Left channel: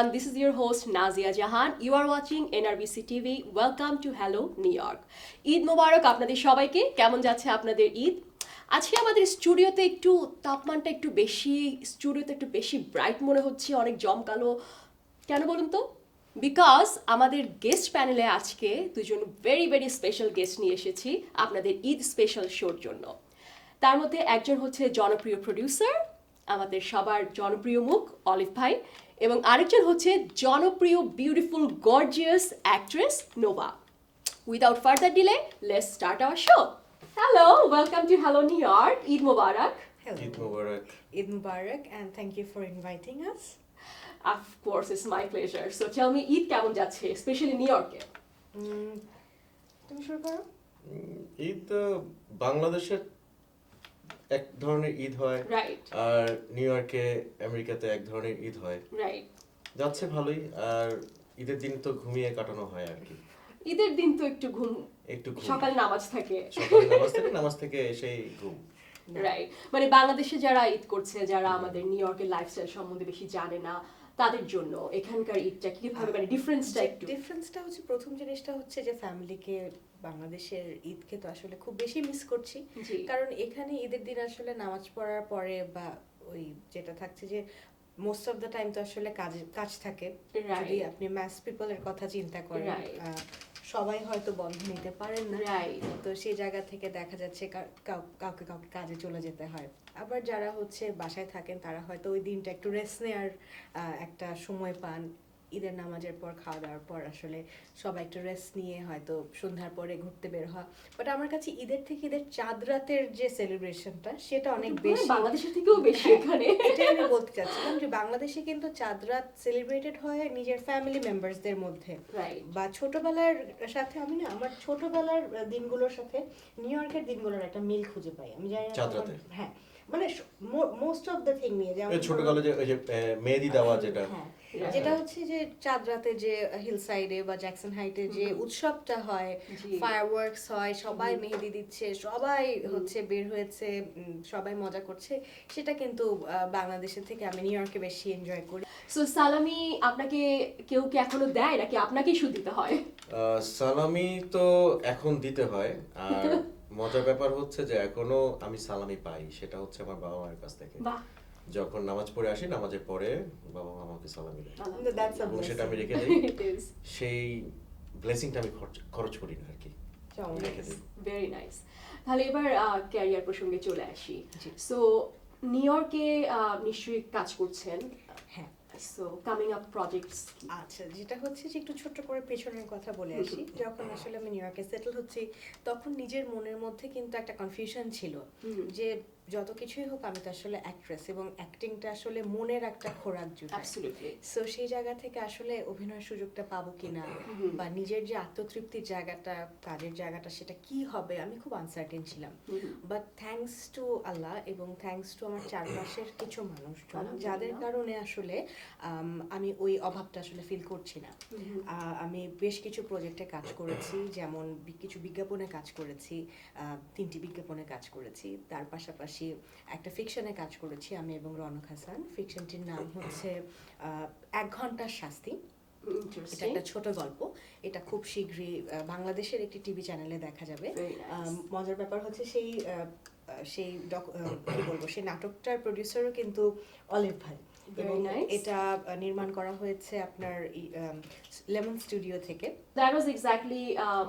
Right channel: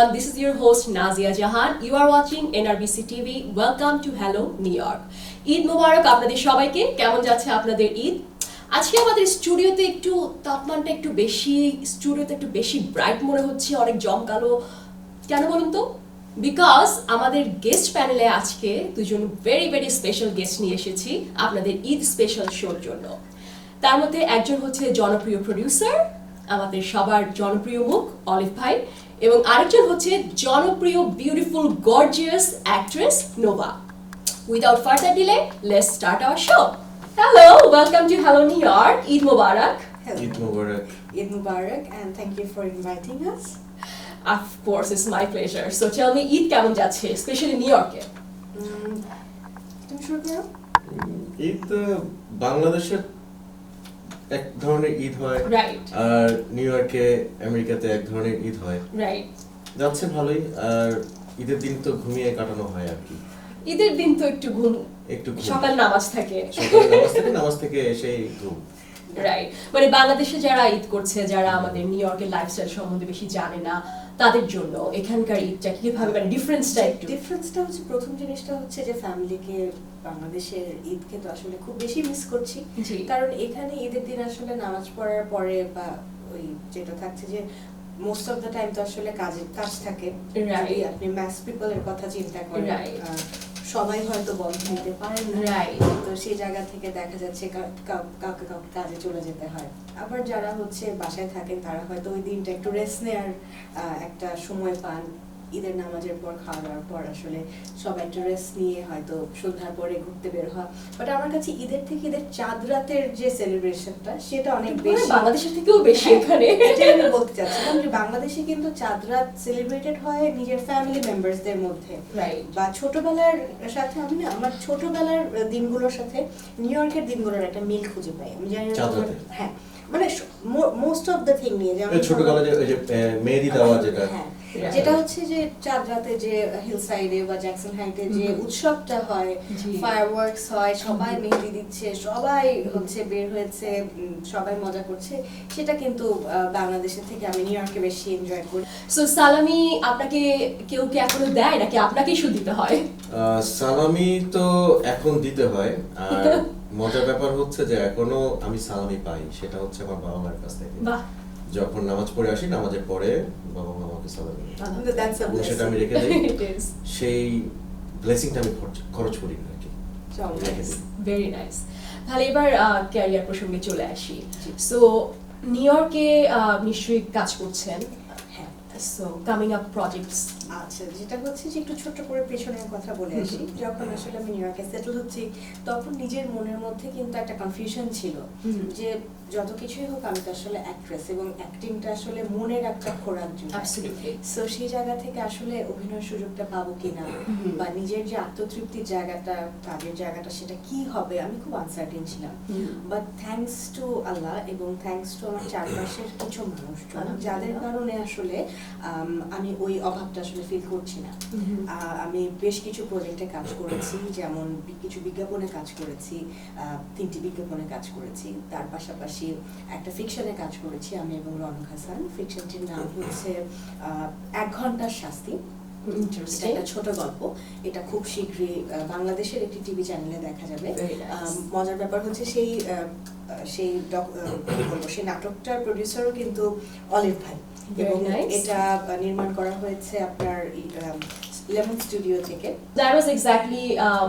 everyone, this is your host Nazia Jahan. You are watching NRBC TV. Welcome to Hello New York. Eid মোবারক আপনাদের সবাইকে। কেমন যাচ্ছে আপনাদের ঈদ? আজকে আমাদের স্টুডিওতে একটু তাপমানটা একটু বেশি ব্রাইট মনে হচ্ছে, অনেক জমকালো। কেন বলুন তো? বিকজ আমাদের গেস্ট প্যানেলে আজকে দুজন ভেরি স্পেশাল গেস্ট নিয়ে এসেছি আপনাদের ঈদ স্পেশাল শোর জন্য। তার মধ্যে একজন হচ্ছে জনপ্রিয় প্রোডিউসার, আমাদের সবার জনপ্রিয় মুখ অলিভ ভাই, এবং আরেকজন হচ্ছে জনপ্রিয় beautiful gorgeous actress Nova. Without further delay, let's start our show. Hello, welcome to hello New York. Eid Mubarak. Eid Mubarak. Eid Mubarak, and thank you for inviting us. Of course, it's my pleasure. So tell me, Eid কেমন যাচ্ছে, specially new ইয়র্কে? তুমি শুরু করো। ঈদ বাংলাদেশের এক ধরনের ঈদ হয়, রাইট, আর নিউ ইয়র্কে আমেরিকাতে এক ধরনের ঈদ হয়। রাইট। যাচ্ছে ভালোই। আর ঈদের দিন তো ঘুমিয়ে কাটানো হয় আর কি। ঈদের দিন তো একটু ঘুম, সকাল নামাজ থাকে, নামাজ থেকে এসেই ঘুম। রাইট। মানে বাংলাদেশে যারা ঈদ করছে, যারা আমাদের নিউ ইয়র্কের লাইফস্টাইল সম্বন্ধে বেশি জানে না, তাদের জন্য এখানকার ঈদটা কিভাবে, মানে ডিফারেন্সটা হচ্ছে, প্রথম জিনিসটা হচ্ছে যে ফ্যামিলিকে বাংলাদেশের ঈদকে তো আসলে খুব বেশি মিস করছি। কারণ এখানে ঈদের দিন আসলে নামাজ পড়ার পরে বা ওই যেটা থাকছে যে মোস্ট অফ দ্য টাইম তো আসলে কাজ থাকে। যদি আপনি ম্যাস পিপলের কথা চিন্তা করেন, সবাই হয়তো বন্ধ নিতে পারেন না, তো সেই জায়গা থেকে দেখা যাচ্ছে কাউকে কাজে চলে যেতে হয়। আবার যারা হচ্ছে বাসায় থাকেন তারা হয়তো ওই দিনটা একটু রেস্ট নেওয়ার একটা সময় পান। ঈদের নামাজের পর, খাওয়া দাওয়ার পর আসলে সবাই একটু রেস্ট নিয়ে হয়তো সন্ধ্যার পরে ঘুরতে বের হয়। বাট আমার কাছে ঈদের থেকে ঈদের চাঁদ রাতের যে সেলিব্রেশনটা, সেটা অনেক বেশি, বাংলাদেশের থেকেও বেশি এখানে। এটাই আমি বলতে চাচ্ছিলাম যে বাংলাদেশে কিন্তু চাঁদ রাত সেলিব্রেটেড হয় নিজের ফ্যামিলি মেম্বারসদের মধ্যে, বা ছোটবেলার সাথে। আমি না আমার ছোটবেলার দিনগুলোর সাথে নিউ ইয়র্কের দিনগুলোর একটা মিল খুঁজে পাই। আমি জানি না, হ্যাঁ, মানে মোস্ট অফ দ্য থিং নিয়ে, যেমন ছোটবেলায় যে মেহেদি দেওয়া যেটা হচ্ছে যে চাঁদ রাতে যে হিল সাইডে বা জ্যাকসন হাইটে যে উৎসবটা হয়, ফায়ারওয়ার্কস হয়, সবাই মেহেদি দিচ্ছে, সবাই হচ্ছে বের হয়েছে, সবাই মজা করছে, সেটা কিন্তু বাংলাদেশের থেকে আমি নিউ ইয়র্কে বেশি এনজয় করি। সো সালামি আপনাকে কেউ কি এখনো দেয়, নাকি আপনাকেই শুধু দিতে হয়? সালামি তো এখন দিতে হয়। আর মজার ব্যাপার হচ্ছে যে এখনো আমি সালামি পাই, সেটা হচ্ছে আমার বাবা মায়ের কাছ থেকে। যখন নামাজ পড়ে আসি, নামাজের পরে বাবা মা আমাকে সালামি দেয়, সেটা আমি রেখে দিই। সেই ব্লেসিংটা আমি খরচ করি না আর কি। Very nice. তাহলে এবার ক্যারিয়ার প্রসঙ্গে চলে আসি। সো নিউ ইয়র্কে নিশ্চয়ই কাজ করছেন। So coming up projects. আচ্ছা, যেটা হচ্ছে যে একটু ছোট্ট করে পেছনের কথা বলে আসি। যখন আসলে আমি নিউ ইয়র্কে সেটেল হচ্ছি, তখন নিজের মনের মধ্যে কিন্তু একটা কনফিউশন ছিল যে যত কিছুই হোক আমি তো আসলে অ্যাক্ট্রেস, এবং অ্যাক্টিংটা আসলে মনের একটা খোরাক জন্য। সো সেই জায়গা থেকে আসলে অভিনয়ের সুযোগটা পাবো কিনা, বা নিজের যে আত্মতৃপ্তির জায়গাটা, কাজের জায়গাটা, সেটা কি হবে, আমি খুব আনসার্টেন ছিলাম। বাট থ্যাঙ্কস টু আল্লাহ এবং থ্যাঙ্কস টু আমার চারপাশের কিছু মানুষ, যাদের কারণে আসলে আমি ওই অভাবটা আসলে ফিল করছি না। আমি বেশ কিছু প্রজেক্টে কাজ করেছি, যেমন কিছু বিজ্ঞাপনে কাজ করেছি, 3টি বিজ্ঞাপনে কাজ করেছি। তার পাশাপাশি একটা ফিকশনে কাজ করেছি আমি এবং রনক হাসান। ফিকশনটির নাম হচ্ছে 1 ঘন্টার শাস্তি। একটা ছোট গল্প। এটা খুব শীঘ্রই বাংলাদেশের একটি টিভি চ্যানেলে দেখা যাবে। মজার ব্যাপার হচ্ছে সেই নাটকটার প্রডিউসারও কিন্তু অলিভ ভাই, এবং এটা নির্মাণ করা হয়েছে আপনার লেমন স্টুডিও থেকে। That was exactly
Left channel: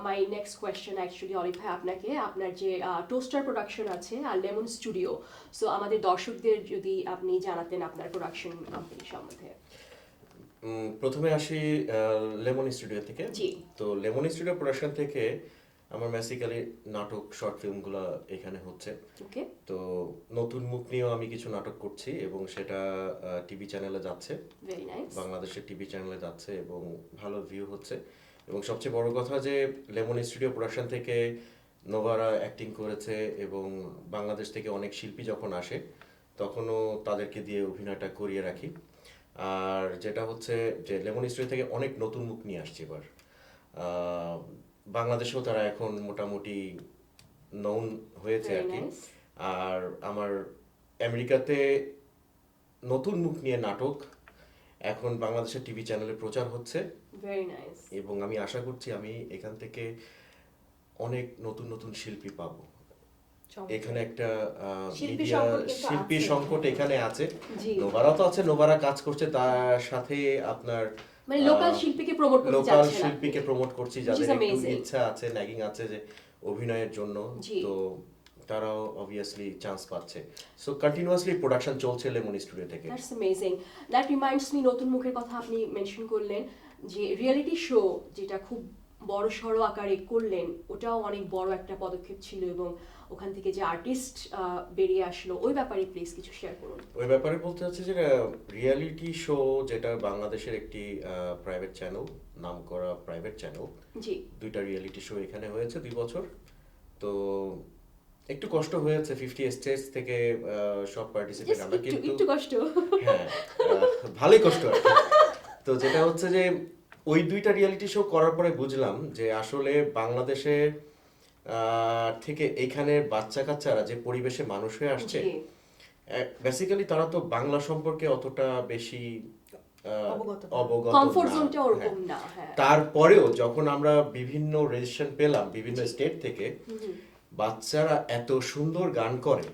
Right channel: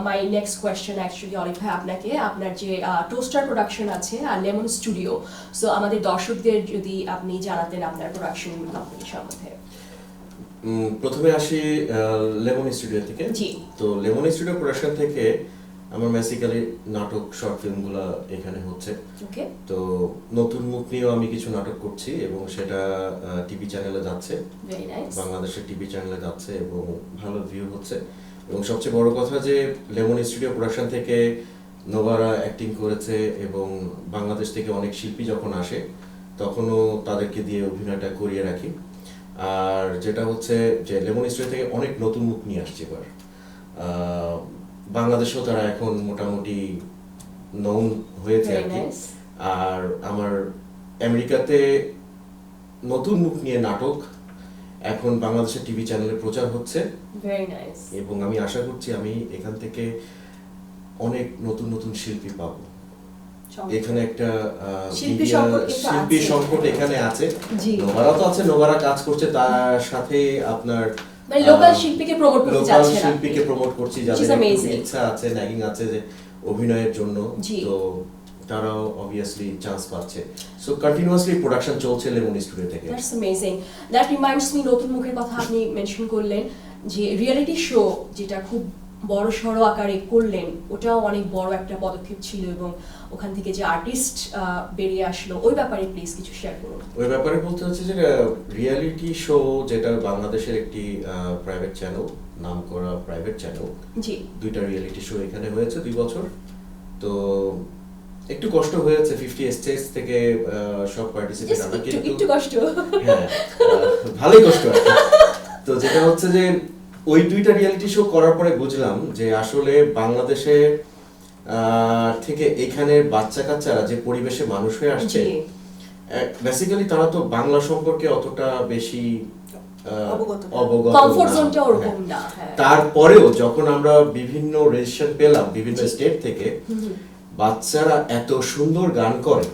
my next question actually, olive ভাই, আপনাকে আপনার যে টোস্টার প্রোডাকশন আছে আর লেমন স্টুডিও, সো আমাদের দর্শকদের যদি আপনি জানাতেন আপনার প্রোডাকশন কোম্পানি সম্বন্ধে। প্রথমে আসি লেমন স্টুডিও থেকে। তো লেমন স্টুডিও প্রোডাকশন থেকে আমার বেসিক্যালি নাটক, শর্ট ফিল্মগুলো এখানে হচ্ছে। তো নতুন মুখ নিয়েও আমি কিছু নাটক করছি, এবং সেটা টিভি চ্যানেলে যাচ্ছে, বাংলাদেশের টিভি চ্যানেলে যাচ্ছে, এবং ভালো ভিউ হচ্ছে। এবং সবচেয়ে বড় কথা যে লেমন স্টুডিও প্রোডাকশন থেকে নোভারা অ্যাক্টিং করেছে, এবং বাংলাদেশ থেকে অনেক শিল্পী যখন আসে তখনও তাদেরকে দিয়ে অভিনয়টা করিয়ে রাখি। আর যেটা হচ্ছে যে লেমন স্টুডিও থেকে অনেক নতুন মুখ নিয়ে আসছে এবার। বাংলাদেশেও তারা এখন মোটামুটি নউন হয়েছে আর কি। আর আমার আমেরিকাতে নতুন মুখ নিয়ে নাটক এখন বাংলাদেশের টিভি চ্যানেলে প্রচার হচ্ছে। Very nice. এবং আমি আশা করছি আমি এখান থেকে অনেক নতুন নতুন শিল্পী পাবো। এখানে একটা শিল্পী সংকট এখানে আছে। নোভারা তো আছে, নোভারা কাজ করছে, তার সাথে আপনার মানে লোকাল শিল্পীকে প্রমোট করতে যাচ্ছে না, শিল্পীকে প্রমোট করছি যাদের ইচ্ছা আছে, ন্যাগিং আছে যে অভিনয়ের জন্য, তো তারাও অবভিয়াসলি চান্স পাচ্ছে। সো কন্টিনিউয়াসলি প্রোডাকশন চলছে লেমন স্টুডিও থেকে। That's amazing. That reminds me, নতুন মুখের কথা আপনি মেনশন করলেন, যে রিয়েলিটি শো যেটা খুব বড় সড়ো আকারে করলেন, ওটাও অনেক বড় একটা পদক্ষেপ ছিল, এবং ওখান থেকে যে আর্টিস্ট বেরিয়ে আসলো, ওই ব্যাপারে প্লিজ কিছু শেয়ার করুন। ওই ব্যাপারে বলতে হচ্ছে যে রিয়েলিটি শো যেটা বাংলাদেশের একটি প্রাইভেট চ্যানেল, নাম করা প্রাইভেট চ্যানেল, জি, 2টা রিয়েলিটি শো এখানে হয়েছে 2 বছর। তো একটু কষ্ট হয়েছে 50 স্টেটস থেকে সব পার্টিসিপেট আমরা, কিন্তু একটু কষ্ট, হ্যাঁ ভালোই কষ্ট আছে। তো যেটা হচ্ছে যে ওই 2টা রিয়েলিটি শো করার পরে বুঝলাম যে আসলে বাংলাদেশে থেকে এখানে বাচ্চা কাচ্চারা যে পরিবেশে মানুষ হয়ে আসছে, বেসিক্যালি তারা তো বাংলা সম্পর্কে অতটা বেশি অবগত, কমফোর্ট জোনটা ওরকম না। তারপরেও যখন আমরা বিভিন্ন রেজিস্ট্রেশন পেলাম বিভিন্ন স্টেট থেকে, বাচ্চারা এত সুন্দর গান করে,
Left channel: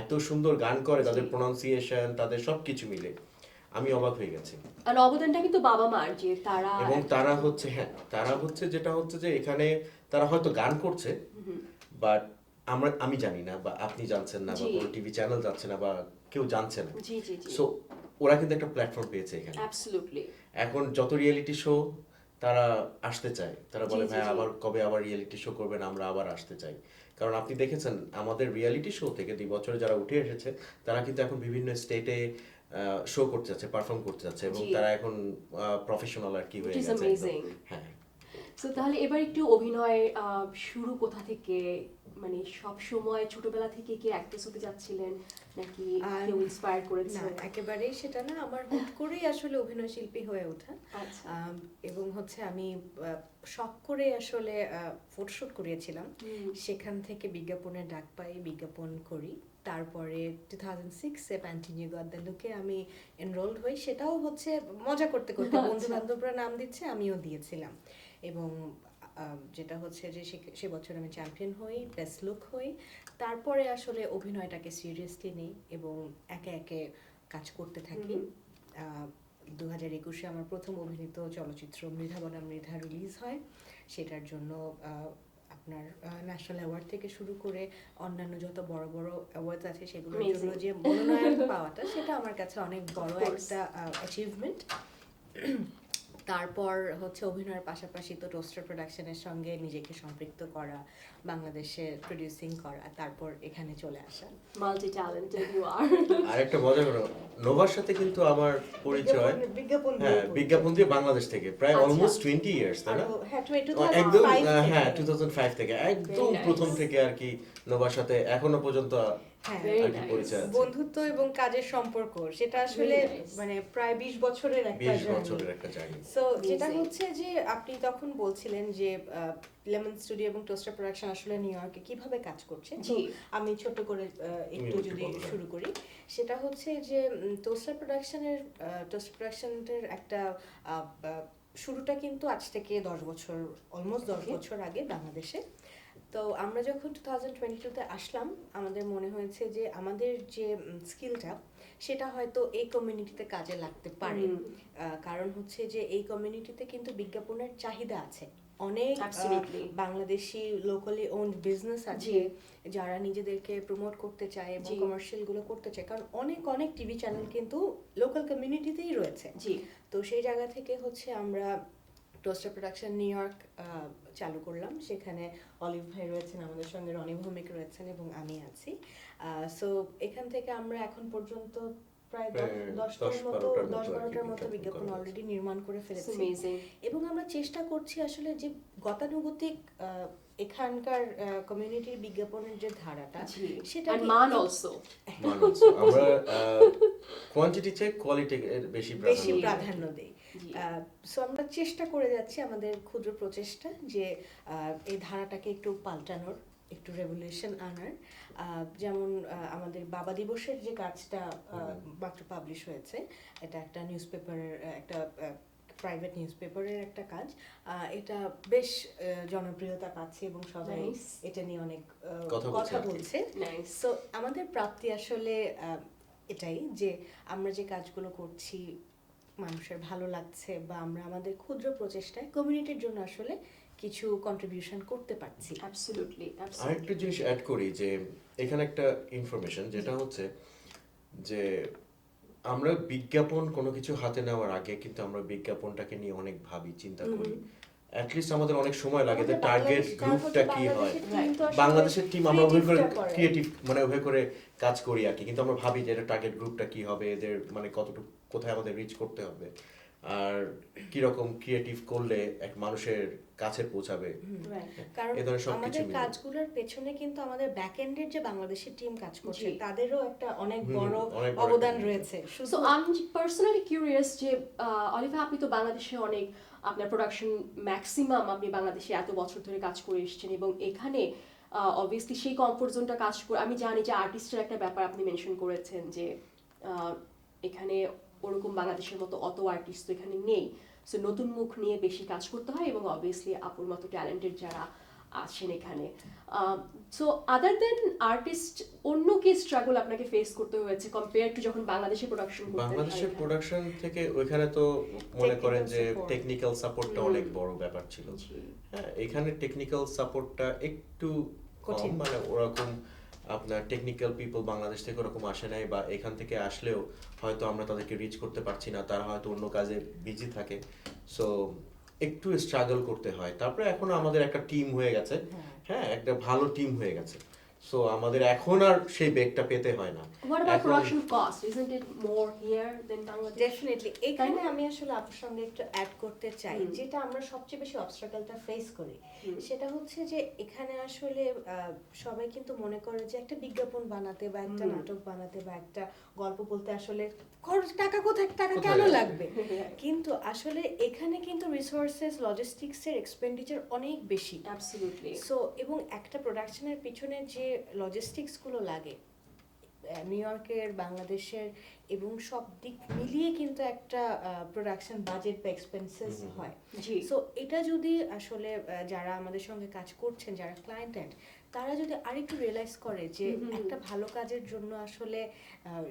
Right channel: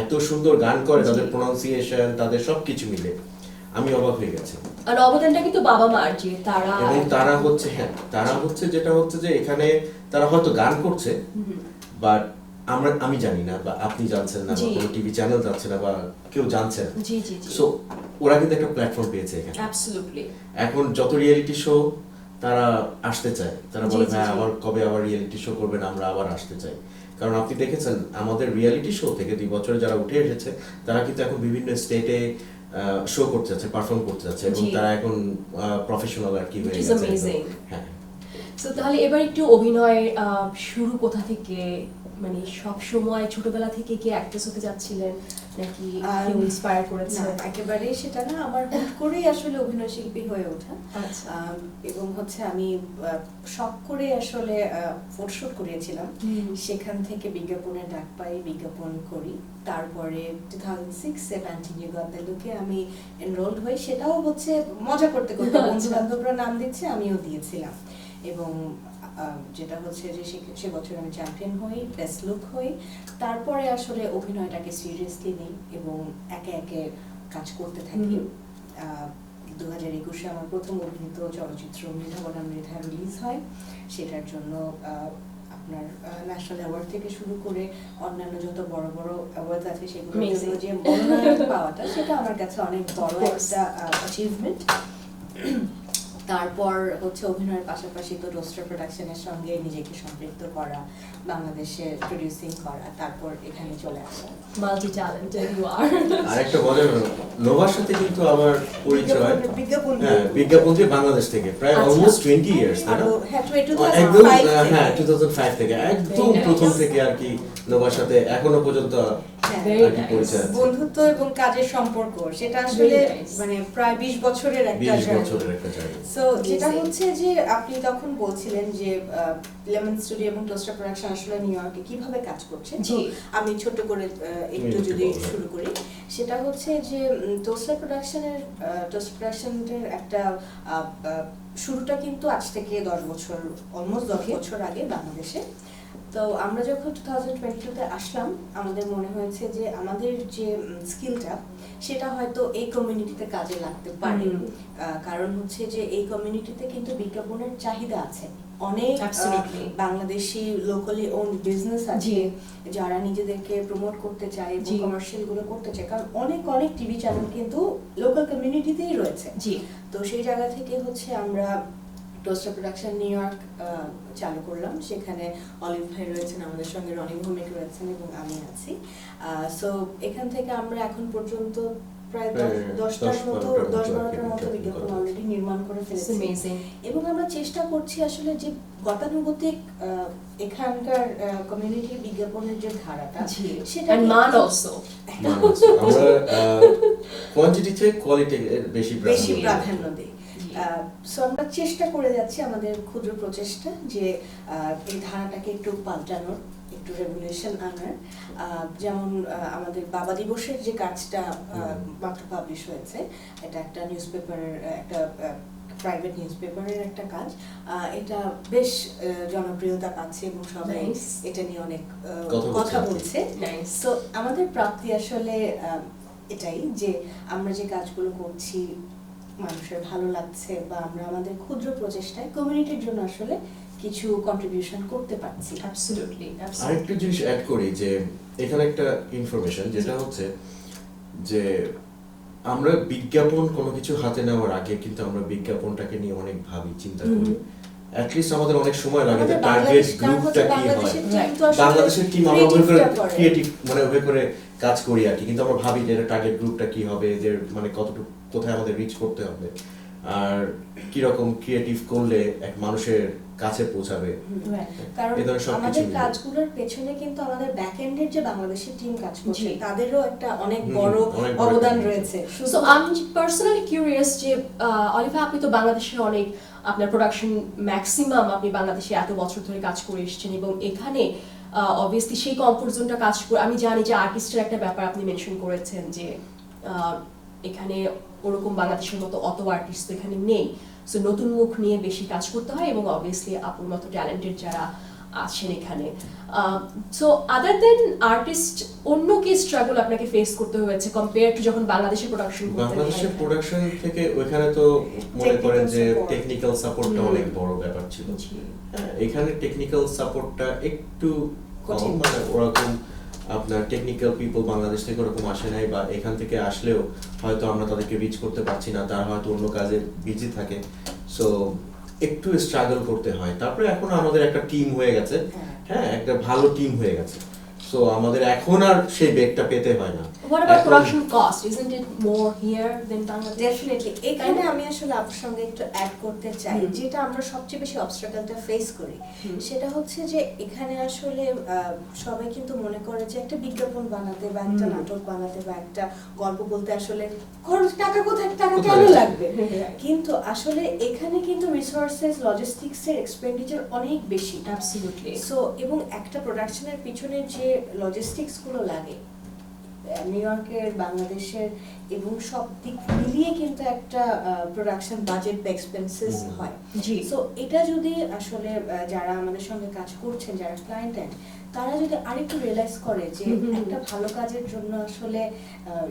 এত সুন্দর গান করে, তাদের প্রোনাউন্সিয়েশন, তাদের সবকিছু মিলে আমি অবাক হয়ে গেছি। আর অবদানটা কিন্তু বাবা মার, যে তারা, এবং তারা হচ্ছে যেটা হচ্ছে যে এখানে তারা হয়তো গান করছে, বাট আমি জানি না, বা আপনি জানছেন না, বা কোনো টিভি চ্যানেল জানছে না, বা কেউ জানছে না। জি জি জি। সো ওরা কিন্তু একটা প্ল্যাটফর্ম পেয়েছে এখানে। অ্যাবসলিউটলি। এখন যত রিয়েলিটি শো তারা আসতে চায়, তারা বলে ভাই আবার কবে আবার রিয়েলিটি শো করবেন, আমরা আবার আসতে চাই। কারণ আপনি দেখেছেন আমাদের রিয়েলিটি শো থেকে 2 বছরে যারা উঠে এসেছে, তারা কিন্তু এখন বিভিন্ন স্টেটে শো করতে যাচ্ছে, পারফর্ম করতে যাচ্ছে, এবং তারা এখন প্রফেশনাল আর কি হয়ে গেছে। হ্যাঁ। সো তাহলে এবার একটু অভিনয় শুরু কোথা থেকে, মানে সব সময় ছোটবেলা থেকে কি অ্যাক্ট্রেস হতে যাচ্ছিলেন, নাকি কেউ ইন্সপায়ার করেছে? একেবারে সেটা না, আমার হুট করেই আসলে অভিনয় শিল্পী হয়ে ওঠা। এবং হচ্ছে আমি শখ করে আসলে ফটোশুট করিয়েছিলাম, সেখান থেকে বিজ্ঞাপনের ডাক পাই, বিজ্ঞাপন করি। তারপরে 2006-এ প্যান্টিনিউ গট দ্য লুকে আমি এনরোলড হই। সেটাও হচ্ছে মজা করতে করতে, বন্ধু বান্ধবরা নাম দিচ্ছে, আমিও দিয়েছিলাম। এবং যেটা হচ্ছে যে সে বছর আমি চ্যাম্পিয়ন হই, বেস্ট লুক হই। তারপরে আসলে অভিনয়টাকে সিরিয়াসলি নিই এবং একে একে কাজ করতে থাকি। 2021-এ আমার প্রথম অভিনীত চলচ্চিত্র মৃধা বনাম মৃধা রিলিজ হয়। সেটার জন্য আপনার ন্যাশনাল অ্যাওয়ার্ড থেকে শুরু করে অন্যান্য যত বড় বড় অ্যাওয়ার্ড আছে, সেগুলোর জন্য যে মনোনয়ন পাওয়াটা, সেটা আমার কাছে অনেক বড় একটা অ্যাচিভমেন্ট। তারপর হচ্ছে অভিনয়ের পাশাপাশি তো রোস্টার প্রোডাকশনের সঙ্গে নিজেকে সম্পৃক্ত করা, বাংলাদেশে প্রোডিউসিং করা, তারপর এখানে চলে আসা। Multi talented you are. আরেকটা বলে নোভার সাথে কিন্তু আমার পরিচয় বিজ্ঞাপন দিয়ে বাংলাদেশ থেকে প্রায় অলমোস্ট 20 ইয়ার্স, তাই না? একদম, হ্যাঁ 2005 থেকে একদম প্রথম থেকে আর কি নোভার সাথে এখনো পর্যন্ত পরিচয় আছে। বন্ধুত্ব এবং কাজের সম্পর্ক, সেটা আসলে মানে প্রায় 20 বছরের একটা জার্নি। সো যেটা হচ্ছে যে আপনি তখন বলছিলেন যে লেমন স্টুডিও এবং টোস্টার প্রোডাকশন আসলে নিউ ইয়র্কে কিভাবে কাজ করছে, আমি ছোট করে একটু যদি শুরু করি। সেটা হচ্ছে যে টোস্টার প্রোডাকশনের একটা শুরুটা কিন্তু আজ থেকে 10 বছর, অলমোস্ট 10 বছর আগে বাংলাদেশে। তো আমরা যখন 2022-তে আসলাম, আমাদের মনে হয়েছে যে আমাদের যে স্কিলটা, সেটা হয়তো এই কমিউনিটিতে কাজে লাগতে পারে। কারণ হচ্ছে যে এই কমিউনিটিতে কিন্তু বিজ্ঞাপনের চাহিদা আছে, অনেক বাংলাদেশি লোকালি ওন বিজনেস আছে যারা নিজেদেরকে প্রমোট করতে চায়, কমার্শিয়াল গুলো করতে চায়, কারণ অনেক অনেক টিভি চ্যানেল কিন্তু লোকাল কমিউনিটিতেই রয়েছে। তো সেই জায়গা থেকে হচ্ছে আমরা টোস্টার প্রোডাকশন নিউ ইয়র্ক চালু করলাম। সেখানে অলিভ ভাই রয়েছেন, আমাদের সঙ্গে রনি ভৌমিক রয়েছেন, এবং আমি আছি। সো এখান থেকে আমরা এখন পর্যন্ত প্রায় 10-12টার মতো বিজ্ঞাপন অলরেডি নির্মাণ করে ফেলেছি। এবং আমরা চেষ্টা করছি আসলে যে গতানুগতিক এখানকার কমিউনিটির বিজ্ঞাপনের যে ধারাটা, সেটা মান অলসো আমরা কোয়ান্টিটি থেকে কোয়ালিটি বেশি প্রাধান্য দিই। সো আমরা চেষ্টা করে যাচ্ছি, আমাদের ক্ষুদ্র প্রচেষ্টা, যে এই ধারাটাকে একটু পাল্টানোর, একটু একটু রেভলিউশন আনার। যেমন আমাদের বাবা দিবসের যে কাজটা মাত্র পাবলিশ হয়েছে, এটা একটা নিউজপেপারের একটা প্রাইভেট নিউজপেপারের একটা কাজ। এটা বেশ জনপ্রিয়তা পাচ্ছে এবং সবাই এটা নিয়ে অনেক কথা বলছে। সো আমাদের প্রাপ্তি আসলে এটাই যে আমরা যে কাজগুলো করছি মানুষের ভালো লাগছে, বা আমরা আমাদের ক্ষুদ্র প্রচেষ্টায় কমিউনিটির জন্য আসলে কিছু কন্ট্রিবিউশন করতে পারছি। অ্যাবসলিউটলি। আরেকটা জিনিস অ্যাড করি যে এখানে একটা ইনফরমেশন যেটা হচ্ছে যে আমরা বিজ্ঞাপন কোনো কিছু হাতে নেওয়ার আগে কিন্তু আমরা বিজ্ঞাপনটাকে নিয়ে অনেক ভাবি, চিন্তা করি। অ্যাটলিস্ট আমাদের অনেক সময় লাগে যে টার্গেট গ্রুপটা কি হয়। বাংলাদেশের টিম আমরা ওই করে ক্রিয়েটিভ মানে ওই করে কাজ করি আর কি, কিন্তু আমরা ভাবি যে টার্গেট গ্রুপটা কি হবে, এদের মানে কতটুকু কোথায় আমাদের রিচ করতে হবে, আর কি রকম ক্রিয়েটিভ করলে এক মানুষের কাছে পৌঁছাবে। কারণ আমাদের কাজগুলোর পেছনে কিন্তু আমাদের ব্যাক এন্ডের যে বাংলাদেশের টিম কাজ করছে তাদেরও একটা অনেক বড় অবদান রয়েছে। সো আমি পার্সোনালি কিউরিয়াস যে অলিভা, আপনি তো বাংলাদেশে অনেক আপনার প্রোডাকশন ম্যাক্সিমাম আপনি বাংলাদেশে এত বছর ধরে কাজ করে এসেছেন, এবং এখানে অবভিয়াসলি সেই কমফোর্ট জোনটা কাজ করে। আমি জানি যে আর্টিস্টের একটা ব্যাপার আপনি মেনশন করেছেন যে এখানে ওরকম বাংলাদেশের মতো অত আর্টিস্ট তো এখানে নেই, সো নতুন মুখ নিয়ে বেশি কাজ করতে হয়, এবং অবভিয়াসলি আপুর মতো ট্যালেন্টেড যারা আছেন এখানে। সো আদার দেন আর্টিস্ট অন্য কি স্ট্রাগল আপনাকে ফেস করতে হয়েছে কম্পেয়ার টু যখন বাংলাদেশে প্রোডাকশন করতে? বাংলাদেশের প্রোডাকশন থেকে ওইখানে তো মনে করেন যে টেকনিক্যাল সাপোর্টটা অনেক বড় ব্যাপার ছিল। হ্যাঁ, এখানে টেকনিক্যাল সাপোর্টটা একটু কম, মানে ওরকম আপনার টেকনিক্যাল পিপল বাংলাদেশ থেকে ওরকম আসে নাই, বা এখান থেকে আসলেও হয়তো আমরা তাদেরকে রিচ করতে পারছি না, তারা হয়তো অন্য কাজে বিজি থাকে, সো একটু স্ট্রাগল করতে হয়। তারপরে এখন আমাদের একটা টিম হয়ে গেছে, হ্যাঁ একটা ভালো টিম হয়ে গেছে, সো আমাদের এখন আর সেই বেগটা পেতে হয় না। What about production cost? Isn't it more here than Bangladesh? Definitely. এখানে আমি আসলে আপনার সঙ্গে একটু অ্যাড করতে চাই, যেটা আমরা সবচেয়ে বেশি অবস্ট্রাগলটা ফেস করি সেটা হচ্ছে যে এখানে আসলে সবাই কিন্তু মনে করে যে একটা বিজ্ঞাপন বানাতে বা একটা নাটক বানাতে বা একটা গল্প বলতে আসলে খরচ, টাকা কোথায়, টাকা কেন লাগবে, কিন্তু আসলে এখানে কিন্তু রিসোর্সেস, লজিস্টিক্সের এক্সপেন্ডিচার অনেক বেশি। অ্যাবসলিউটলি। সো এবং একটা প্রোডাকশনের পিছনে যে লজিস্টিক্স গুলো লাগে নিউ ইয়র্কের, বাংলাদেশের এবং সব দিক মিলিয়ে কিন্তু একটা প্রোডাকশন বাজেট বা এক্সপেন্সেস হয়। সো এটা যদি আসলে যারা আমাদের সঙ্গে কাজ করছেন, যারা ক্লায়েন্ট, তারা যদি আরেকটু রিয়েলাইজ করে যে একটা ভালো কাজের জন্য আসলে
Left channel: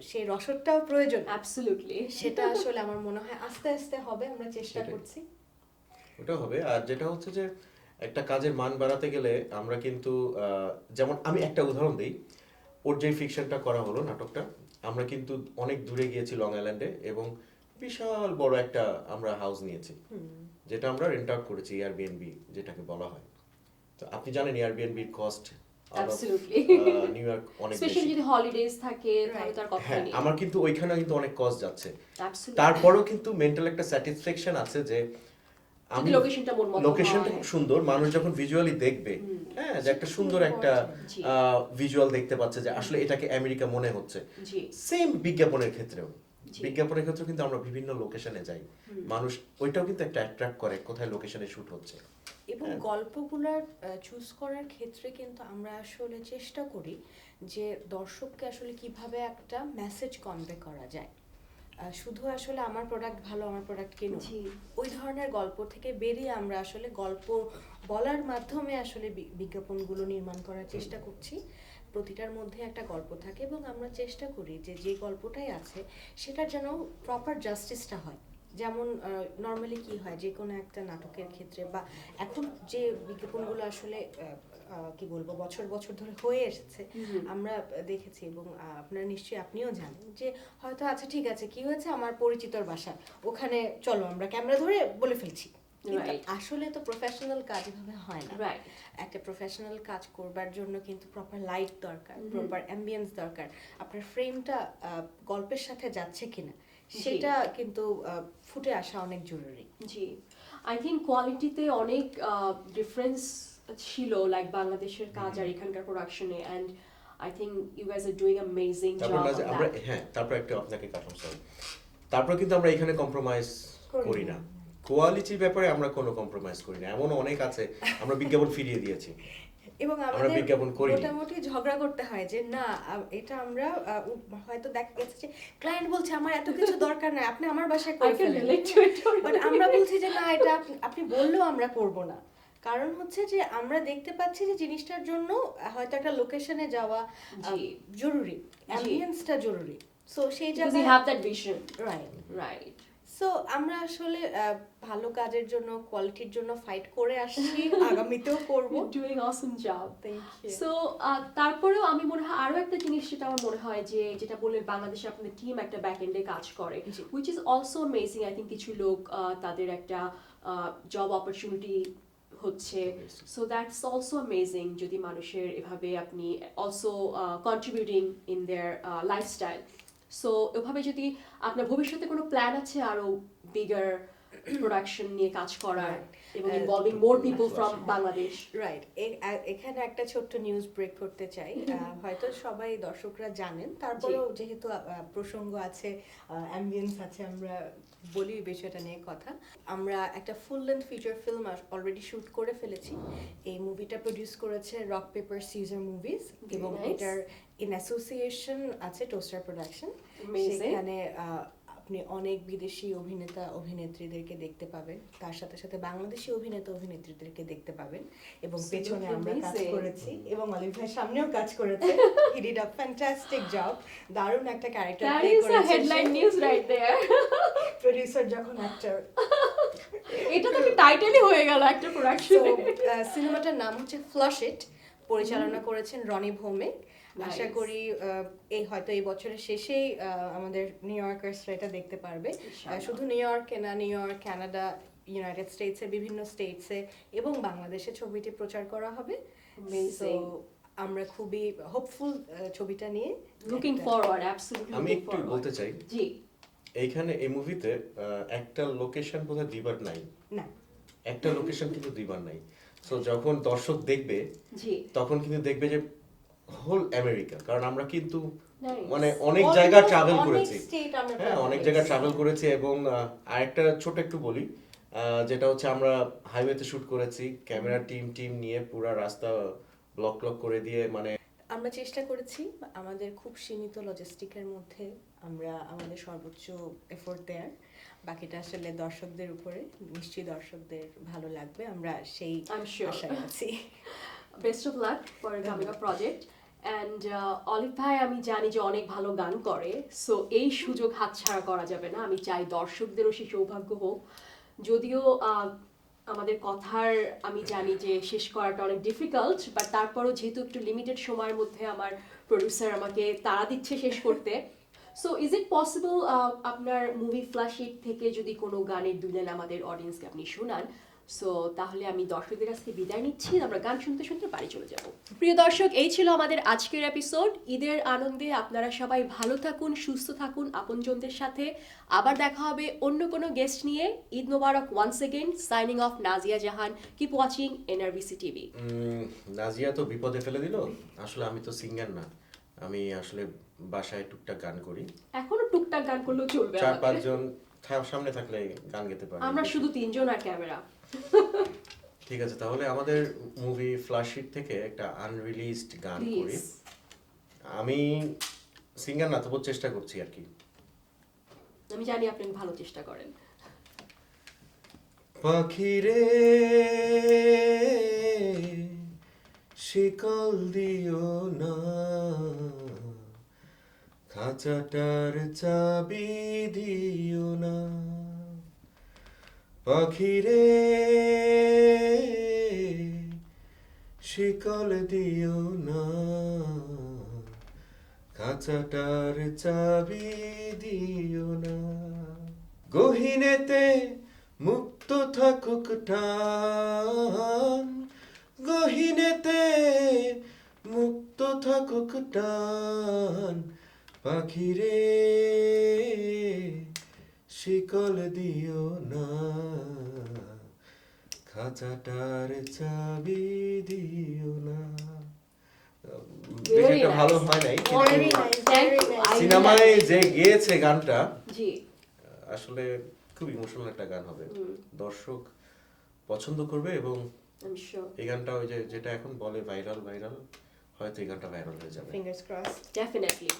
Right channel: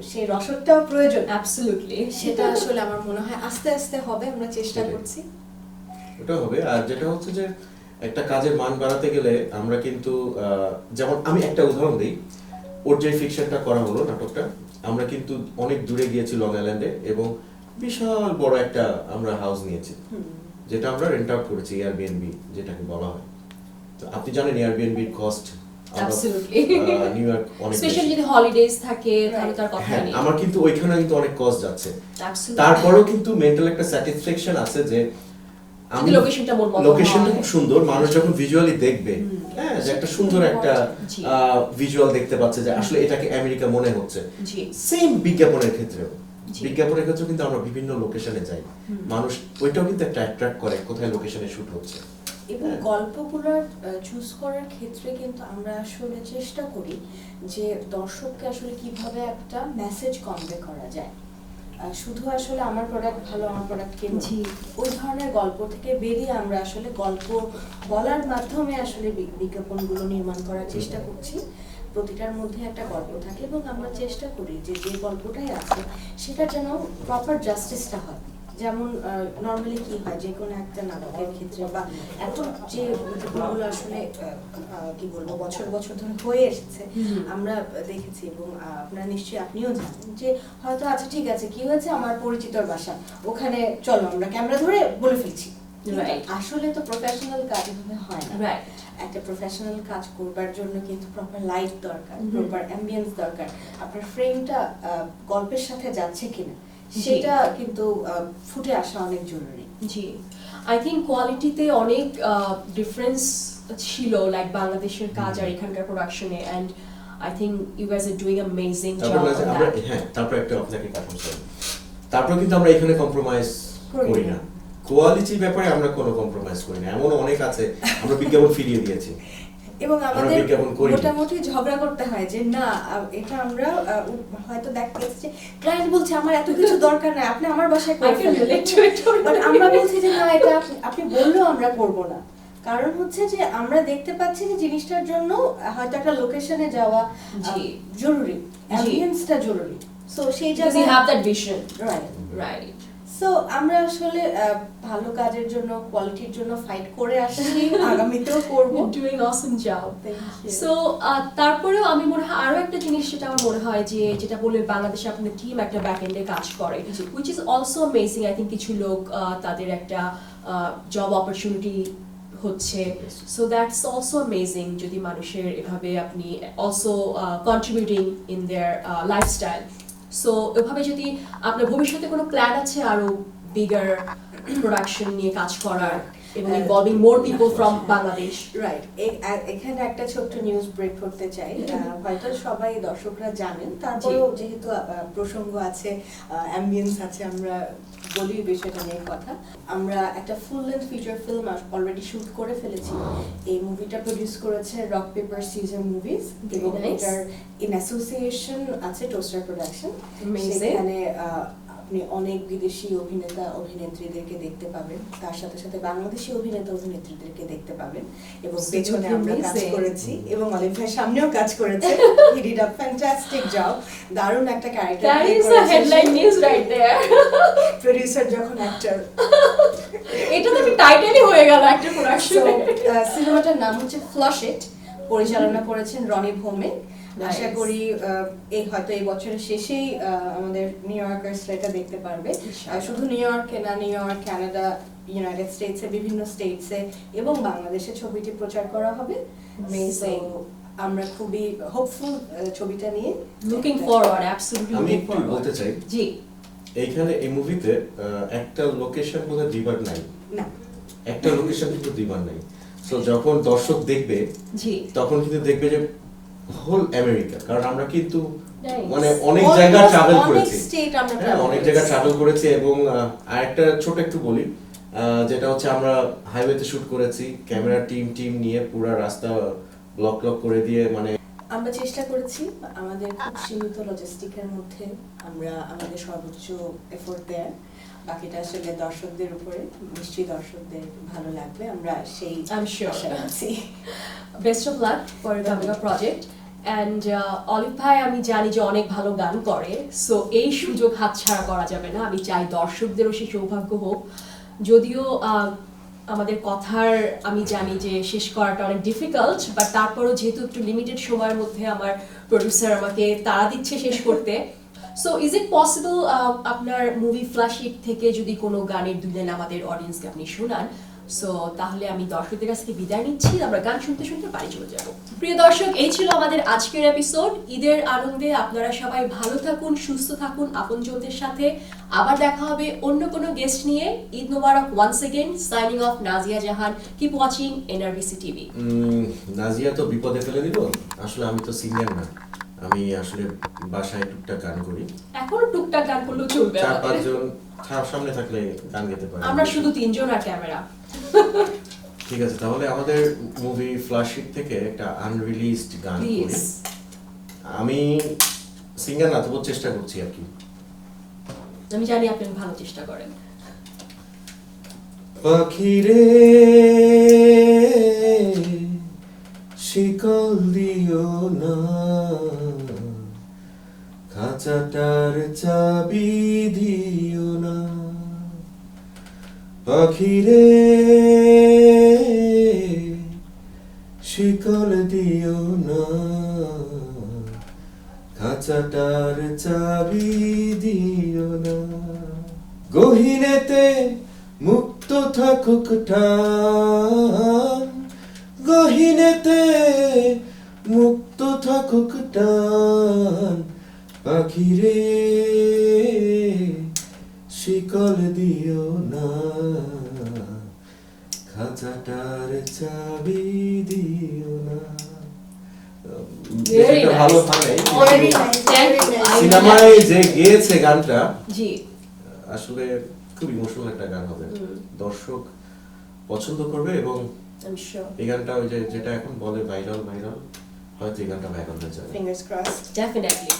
সেই রসদটাও প্রয়োজন, অ্যাবসলিউটলি, সেটা আসলে আমার মনে হয় আস্তে আস্তে হবে, আমরা চেষ্টা করছি। ওটা হবে। আর যেটা হচ্ছে যে একটা কাজের মান বাড়াতে গেলে আমরা কিন্তু যেমন আমি একটা উদাহরণ দিই, ওর যে ফিকশনটা করা হলো নাটকটা, আমরা কিন্তু অনেক দূরে গিয়েছি লং আইল্যান্ডে, এবং বিশাল বড় একটা আমরা হাউস নিয়েছি, যেটা আমরা রেন্ট আউট করেছি, এয়ারবিএনবি যেটাকে বলা হয়। তো আপনি জানেন এয়ারবিএনবির কস্ট অ্যাবসলিউটলি নিউ ইয়র্ক অনেক, স্পেশালি যদি হলিডেজ থাকে তাহলে তার কথা নেই। আমার কিন্তু ওইখানে কিন্তু অনেক কস্ট যাচ্ছে, তারপরেও কিন্তু মেন্টাল একটা স্যাটিসফ্যাকশন আছে যে আমি লোকেশনটা খুব সুন্দর, মানুষ যখন ভিজুয়ালি দেখবে, হ্যাঁ যে একটা সুন্দর একটা ভিজুয়াল দেখতে পাচ্ছে যে আসলে এটাকে আমেরিকা মনে হচ্ছে। সেম বিজ্ঞাপনের ক্ষেত্রে কিন্তু আমরা বিভিন্ন লোকেশনে যাই, মানুষ ওইটাও কিন্তু একটা অ্যাট্রাক্ট করে কোথায় লোকেশনে শুট হচ্ছে। এবং গল্পগুলো চুজ করার ক্ষেত্রে কিন্তু আমরা আসলে চেষ্টা করি যে দর্শককে আসলে কিভাবে একটা মেসেজ কনভে করা যায়। শুধু আসলে আমার প্রোডাক্ট ভালো, আমার প্রোডাক্ট কিনছি, ওই ধরনের গল্প থেকে বেরিয়ে আমরা আসলে গল্প বলার মাধ্যমে আসলে বিজ্ঞাপনগুলো নির্মাণ করার চেষ্টা করছি। প্রতিটার মধ্যে একটা গল্প থাকে এবং আমরা চেষ্টা করি যে যে গল্পটাই আছে সেটা যেন প্রপার জাস্টিসটা হয়। যেমন নর্মালি কি হয় যে কোনো একটা নাটকের ক্ষেত্রে বা এখন যে বিজ্ঞাপনগুলো আসলে কি বলবো বছর বছর ধরে হয়ে এসেছে, আমরা দেখেছি এবং আপনারা নিশ্চয়ই আপনিও জানেন যে হয়তো আচ্ছা ঠিক আছে কি হয়েছে আমার পরিচিতর বাসা, ওখানে চলো আমরা ক্যামেরা ধরে বলে ফেলছি। আসলে তো প্রফেশনাল কাজ হয় না। একটা প্রফেশনাল কাজ করবার জন্য কিন্তু প্রপার লাইট দরকার, প্রপার অ্যাম্বিয়েন্স দরকার, আপনার ফ্রেমটা গল্পের সাথে যাচ্ছে কিনা সেটা কিন্তু ফুটে আসা অনেক জরুরি। জি, আই থিংক কোয়ালিটিতে অনেক ডিফারেন্স ছিল লাইক বাংলাদেশের কাজ আর এখানকার প্রোডাকশনে, and I think you guys are doing amazing job on that. হ্যাঁ, তারপর একটা আপনাকে কথা বলছি, তারপর কিন্তু আমরা এখানে কম্প্রোমাইজ করি না, কোয়ালিটির ব্যাপারে আমরা কোনো কম্প্রোমাইজ করি না। এমন অনেক আছে আমরা বিজ্ঞাপন ফিরিয়ে দিয়েছি, এবং আমরা আমাদের বিজ্ঞাপন করি না। মোটামুটি ঝগড়া করতে হয় যে না এটা আমরা হয়তো দেখতে যে ক্লায়েন্ট বলছে আমার এত কিছু দরকার নাই, আপনি আমার বাসায় I করে can ফেলেন। relate to it. But আমরা বলছি যে না এটা আপনি বললেও আমরা করব না, কারণ হচ্ছে যে আমরা দেখতে পাচ্ছি যে জিনিসটার জন্য হয়তো একটা লোকেশনে যাওয়া জি। জরুরি, অ্যাম্বিয়েন্সটা জরুরি, সো সেই Because you জায়গায় have that vision. Right. Right. So আমরা আসলে ভালো কাজের জন্য, কোয়ালিটির জন্য ফাইট করে আসছি, আগামীতেও করব। You're doing awesome job. Thank you. So তারপরেও আমি মনে হয় আরো একটা জিনিস যেটা আমার মনে হয় যে যেটা বলে বাংলাদেশে আপনার টিম একটা ব্যাক এন্ডে কাজ করে, which is also amazing. I think কিছু লোক তাদের একটা জব অপরচুনিটি হচ্ছে, সো দ্যাটস অলসো অ্যামেজিং যদি মানুষের এভাবে আপনি also contributing in their lifestyle. So এভাবে যদি আপনার ভবিষ্যতে কোনো প্ল্যান আছে আরো বিগার প্রোডাকশন নিয়ে কাজ করার এবং involving more people from Bangladesh. Right, এখানে একটা ছোট্ট নিউজ ব্রেক করতে চাই। হয়তো সবাই দর্শকরা জানেন, তারপরেও যেহেতু প্রসঙ্গ আছে, অ্যাম্বিয়েন্স আছে, আমরা বলি বিষয়টা নিয়ে কথা। আমরা একটা full length feature film already shoot করে ফেলেছি। এই মুভিটা প্রডিউস করেছে রক পেপার সিজার মুভিজ এবং এটার ইন অ্যাসোসিয়েশন আছে টোস্টার প্রোডাকশন। সেখানে আপনি অনেক বিদেশি অভিনেতা অভিনেত্রীদেরকে দেখতে পাবেন, তার সাথে সাথে বাংলাদেশি অভিনেতা অভিনেত্রীদেরকে দেখতে পাবেন, এবং পেছনে আমরা কাজ করেছি এবং অলিভ ভাই সামনেও কাজ করেছে। He did a fantastic job, দারুণ একটা character. That is a headline news right there. Producer যখন অ্যাক্টর, এটা তো টাইটেলই হয়ে গেল একটা প্রোডাকশন। সিনেমাটার নাম হচ্ছে ফ্লাশ ইট, পরিচালনা করেছেন রনি ভৌমিক। আশা করি হয়তো এই বছরের শেষেই আমাদের নিউ ইয়র্কার্সরা এটা দেখতে পারবে। শুধু নিউ ইয়র্কে না, নিউ ইয়র্ক, কানাডা, ইউনাইটেড স্টেটসে, বিভিন্ন স্টেটসে এবং বাংলাদেশে ছবিটি প্রচার করা হবে। আমরা খুবই হোপফুল ছবিটা নিয়ে। লুকিং ফরওয়ার্ড, অ্যাবসলিউটলি আমি লুকিং একটু ফরওয়ার্ড। বলতে চাই, জি, এইখানে এই মুভিতে একটা লোকেশন বোধহয় দুইবার নাই, না একটা লোকেশন কিন্তু দুইবার নাই। সো যখন দর্শক দেখবে জি, তখন কিন্তু দেখবে যে হোল আমেরিকা, কারণ আমরা কিন্তু Nice. মানে অনেক জায়গা ট্রাভেল অনেক করেছি, স্টেট আমরা হ্যাঁ অনেক জায়গা ট্রাভেল করেছি। এবং আরেকটা ছোট একটু বলি, যেটা হচ্ছে আমরা হাইওয়েতে শুট করেছি, ক্যামেরা টিম নিয়ে পুরো রাস্তা ব্লক করে দিয়ে, মানে আমরা চেষ্টা করেছি আমাদের খুব সীমিত লজিস্টিকের মধ্যে আমরা আমাদের সর্বোচ্চ এফোর্ট দেয়ার। বাকিটা আসলে দর্শকদের উপরে, নিশ্চয়ই দর্শকদের ভালো লাগবে, আমরা সেই I'm sure. আশায় আছি। Best of luck for coming up project. And olive ভাই আমি জানি যে অনেক ভালো গান করে, সো এই সুযোগ হাতছাড়া করা যাবে না। আমি চাই দর্শকদেরও সেই সৌভাগ্য হোক। যদিও আমাদের কথার আমি জানি যে শেষ করাটা অনেক ডিফিকাল্ট, বাট তারপরও যেহেতু একটু লিমিটেড সময়ের মধ্যে আমার প্রডিউসার আমাকে তাড়া দিচ্ছে শেষ করতে, সো ইজ ইট পসিবল আপনার মুভি ফ্ল্যাশ ইট থেকে যদি কোনো গানের দুলেন আমাদের অডিয়েন্সকে আপনি শোনান? সো তাহলে আমি দর্শকদের কাছ থেকে বিদায় নিচ্ছি, আমরা গান শুনতে শুনতে বাড়ি চলে যাব। প্রিয় দর্শক, এই ছিল আমাদের আজকের এপিসোড। ঈদের আনন্দে আপনারা সবাই ভালো থাকুন, সুস্থ থাকুন আপনজনদের সাথে। আবার দেখা হবে অন্য কোনো গেস্ট নিয়ে। Eid Mubarak once again. Signing off, Nazia Jahan. Keep watching NRBC TV. Nazia তো বিপদে ফেলে দিল। আসলে আমি তো সিঙ্গার না, আমি আসলে বাসায় টুকটাক গান করি। এখনো টুকটাক গান করলেও চলবে, 4-5 জন সামনে থাকলে গান গেতে পারি। আমরা শুধু 3 জন আর ক্যামেরা। ঠিক আছে, তাহলে আমাদের মুভি ফ্ল্যাশ ইট থেকে একটা আনরিলিজড গান করি। প্লিজ। আমি সিঙ্গার না, তবু চেষ্টা করছি আর কি। আমি জানি আপনি ভালো চেষ্টা করেন। পাখিরে শিকল দিও না, খাঁচাটার চাবি দিও না। পাখিরে শিকল দিও না, খাঁচাটার চাবি দিও না। গহীনেতে মুক্ত থাকুক টান, গহীনেতে মুক্ত থাকুক টান। পাখিরে শিকল দিও না, খাঁচাটার চাবি দিও না। Very এটা ভালো nice. হয় Very nice, very nice. সিনেমায় যে গেয়েছে গানটা জি, আসলে খুব ইমোশনাল একটা গান হবে, দর্শক পছন্দ করবে এবং I'm sure. এই গানটা ওই যে যেটা এখন বলে ভাইরাল হয়তো এই গানটা ভাইরাল হয়ে যাবে। Fingers crossed. Definitely.